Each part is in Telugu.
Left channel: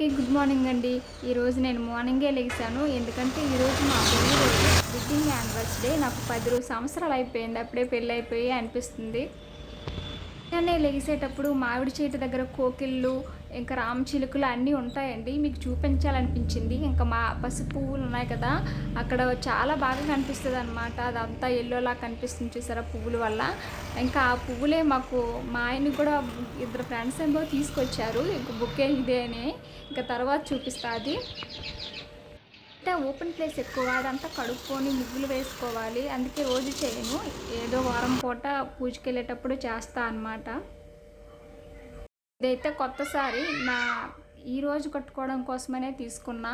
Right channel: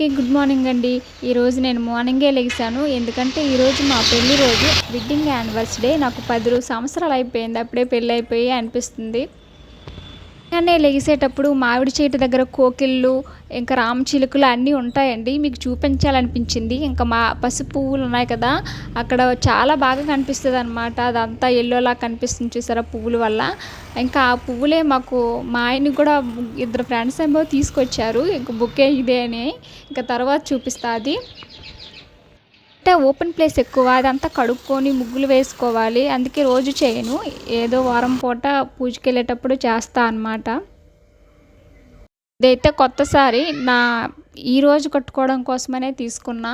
గుడ్ మార్నింగ్ అండి. ఈరోజు నేను మార్నింగే లెగిసాను. ఎందుకంటే ఈరోజు మా పెళ్లి రోజు, వెడ్డింగ్ యానివర్సరీ. నాకు 10 సంవత్సరాలు అయిపోయింది. అప్పుడే పెళ్ళి అయిపోయి అనిపిస్తుంది. ఉదయాన్నే లెగిసేటప్పుడు మామిడి చెట్టు దగ్గర కోకిళ్ళు, ఇంకా రామచిలుకలు అన్నీ ఉంటాయండి. మీకు చూపించాలనిపించింది. ఇంకా మా పసుపు పువ్వులు ఉన్నాయి కదా, అక్కడ చాలా బాగా కనిపిస్తుంది అనమాట. అదంతా ఎల్లోలా కనిపిస్తుంది చూసారా పువ్వుల వల్ల. ఇంకా ఆ పువ్వులే మాకు మా ఆయనకి కూడా ఇద్దరు ఫ్రెండ్స్ ఏమో తీసుకొచ్చారు. ఇంకా బుకే ఇదే అని ఇంకా తర్వాత చూపిస్తా. అది అంటే ఓపెన్ ప్లేస్ ఎక్కువ, అదంతా కడుక్కొని ముగ్గులు వేసుకోవాలి. అందుకే రోజు చేయను, ఏదో వారం పూట పూజకి వెళ్ళేటప్పుడు చేస్తా అన్నమాట. ఇదైతే కొత్త సారీ నా ఈరోజు కట్టుకోవడం కోసమనే తీసుకున్నా.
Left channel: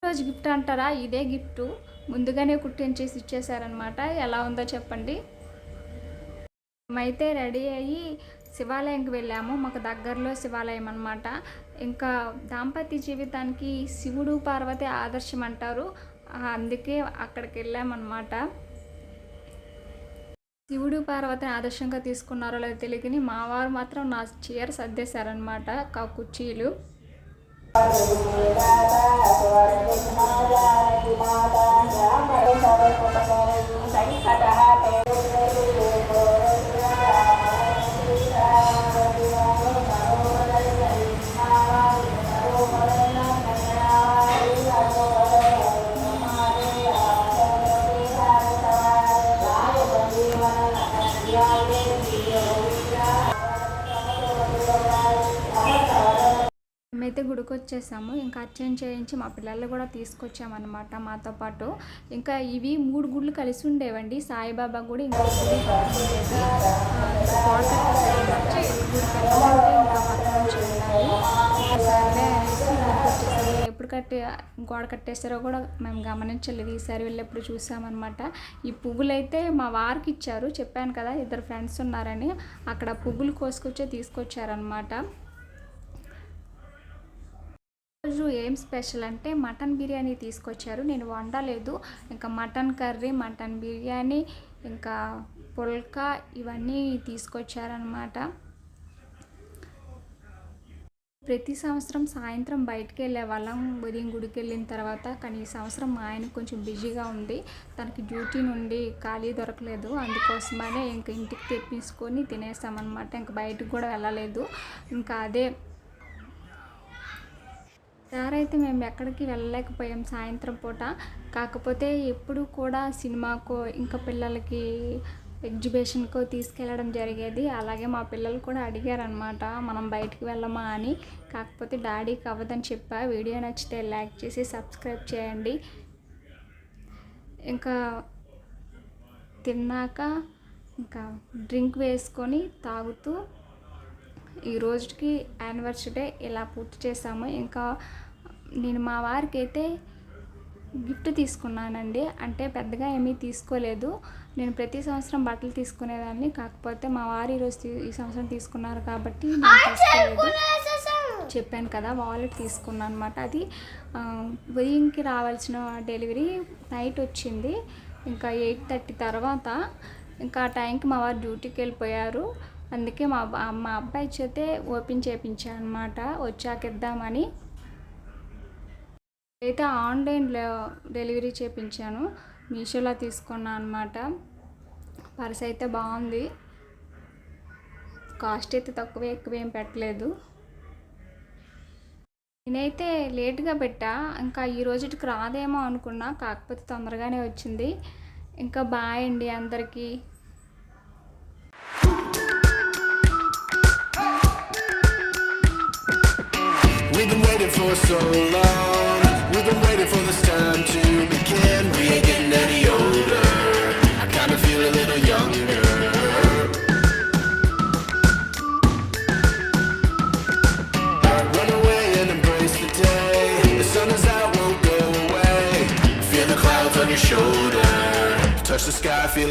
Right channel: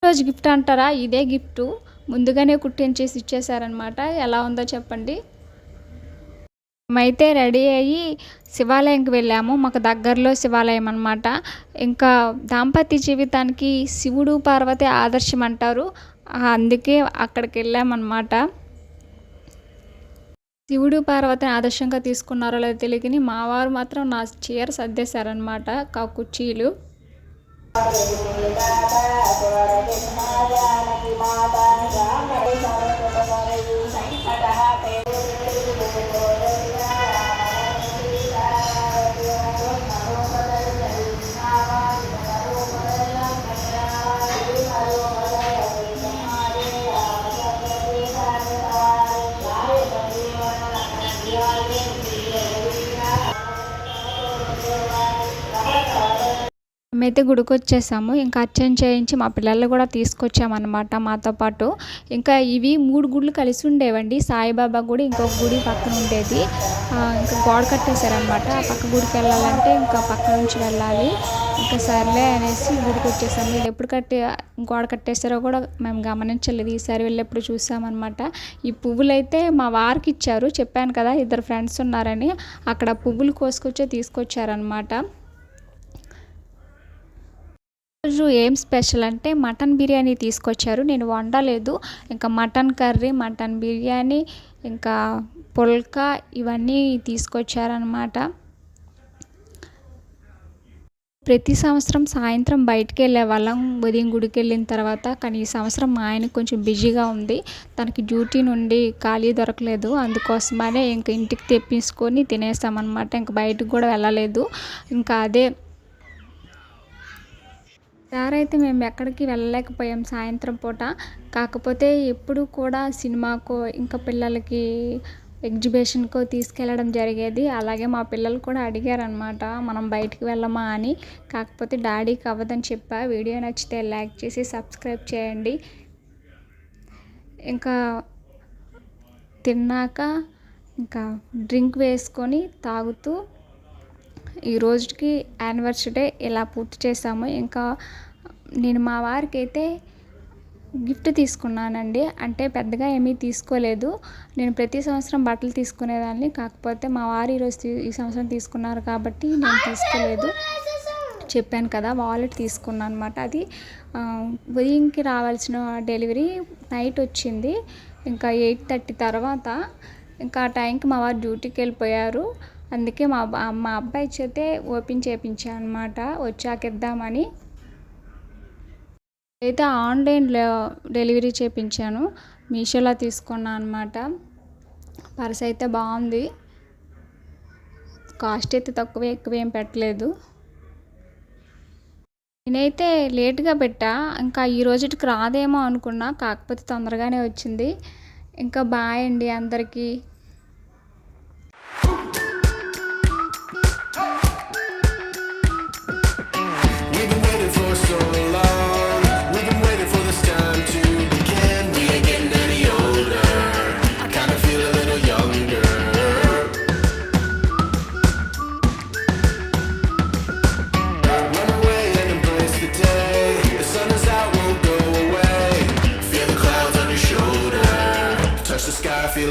ఈరోజు గిఫ్ట్ అంటారా, ఇదే గిఫ్ట్. ముందుగానే కుట్టించేసి ఇచ్చేసారనమాట. ఎలా ఉందో చెప్పండి. మేమైతే రెడీ అయ్యి శివాలయంకి వెళ్ళాము. మాకు దగ్గరలో శివాలయం అనమాట. ఇంకా దాంపత్య జీవితానికి శివుడు పార్వతి ఆదర్శం అంటారు. అందుకే అక్కడికి వెళ్ళామన్నమాట. శివుడు పార్వతిని ఆదర్శంగా తీసుకున్నారో లేదో తెలియని మా వారు మాత్రం నా చీర సర్దేశారనమాట, కుర్చీలు. మేమైతే గుడికి వచ్చేసాము. ఇంకా అర్చన చేయించి మా పిల్లలు కూడా తీసుకొచ్చామన్నమాట మాతో పాటు. ఇంకా ఇవి 3 గుళ్ళు కలిసి ఉండేవండి. సాయిబాబా గుడి, ఇంకొక గుడి పక్కన ఉండేది. ఇంకా గోడ కట్టేశారనమాట. ఆ పక్క గుడికి వెళ్ళాలంటే ఇంకా పక్క నుంచి వెళ్ళాలి. ఇంకా సర్లే అనేసి గుడికి వచ్చేసాము. ఎప్పుడు గోడ కట్టేశారో కూడా మేము గమనించలేదు. ఈసారి వెళ్ళేప్పుడు చూసామన్నమాట. ఈ పువ్వులు అయితే మా వారికి ఇచ్చారు. చెప్పాను కదా ఇద్దరు ఫ్రెండ్స్ ఉన్నారని, అక్కడ పువ్వులు కోసుకొచ్చే తీసుకొచ్చారనమాట. రోజు ఏం స్పెషల్ అంటే మటన్ బిర్యానీ తీసుకొచ్చారు. నేను వండలేదు. ఇంకా మటన్ కర్రీ, మటన్ బిర్యానీ, ఇంకా పుల్కా ఇవన్నీ తీసుకొచ్చారనమాట. ప్రతి సంవత్సరం సాయంత్రం బయటికి వెళ్ళే వాళ్ళం ఉదయం గుడికి వెళ్ళిన తర్వాత. కానీ ఈ సంవత్సరం మా ఆయన కొంచెం బిజీగా ఉంది. తనకి డ్యూటీ నుండి ఖాళీ దొరకలేదు. అందుకోసమనే ఇంక ఇంటికి తెప్పించుకొని తినేసామన్నమాట. ఇంక బయటకు కూడా వెళ్ళలేదు. ఇంకా అదే అయితే మేము ఎక్కడికి వెళ్ళలేకపోయాం సాయంత్రం పూట. కాకపోతే ఎప్పుడు కూడా సినిమాకో, ఇంకా పిల్లలకి ఎగ్జిబిషన్కో తీసుకెళ్ళడం జరిగేది. అలాగే మా పిల్లలు కూడా అడిగారనమాట, మనం బయటికి వెళ్ళమా అని. కాకపోతే డాడీకి అవ్వదని చెప్పా. వీడియో నచ్చితే లైక్ చేసి సబ్స్క్రైబ్ చేయండి. ఇంకా తిన్నాక ఇంకా డ్రింక్ వేసుకొని తాగుతూ ఈ రోజుకి యానివర్సరీ డే ఇలా పూర్తి చేసాము. ఇంకా నేను మా వారికి అయితే గిఫ్ట్ తీసుకున్నానండి. అంటే పెద్దగా ఏమీ తీసుకోలేదు. నేను ప్రతి సంవత్సరం బట్టలు తీసుకునేదాన్ని. కాకపోతే మా వారు ఈ సంవత్సరం తీసుకున్నారు కాబట్టి నేను తీసుకోలేదు. చెప్పాను కదా, వాలెట్ తీసుకున్నాను అనమాట. అది ఉదయంకి రావాల్సిన డెలివరీ నైట్ వచ్చింది. ఇంకా 8:30 తర్వాత. ఇంకా ఆ టైంకి మా వారు డ్యూటీకి వెళ్ళిపోయారు. అందుకే మా అబ్బాయి చేతే ఓపెన్ చేయించాను అనమాట, వచ్చాక ఇద్దామని. అయితే ఆన్లైన్లో డెలివరీ చేయించాను. మీషోలో తీసుకున్నాను అనమాట. పర్స్ అయితే బాగుంది. కాస్ట్ అయితే తక్కువ ఎక్కువ ఏం పెట్టలేదు. నేనైతే లేట్గా పెట్టా. ఇంకా ఈ రోజుకి రాదేమో అనుకున్నా, కాకపోతే తొందరగానే వచ్చింది. ఇంకా బాయ్ అండి అందరికీ. We've been waiting for so long. We've been waiting for this time to begin. We ain't getting any older. I kinda feel a little younger. Run away and embrace the day. The sun is out, won't go away. Feel the clouds on your shoulder. Touch the sky, feel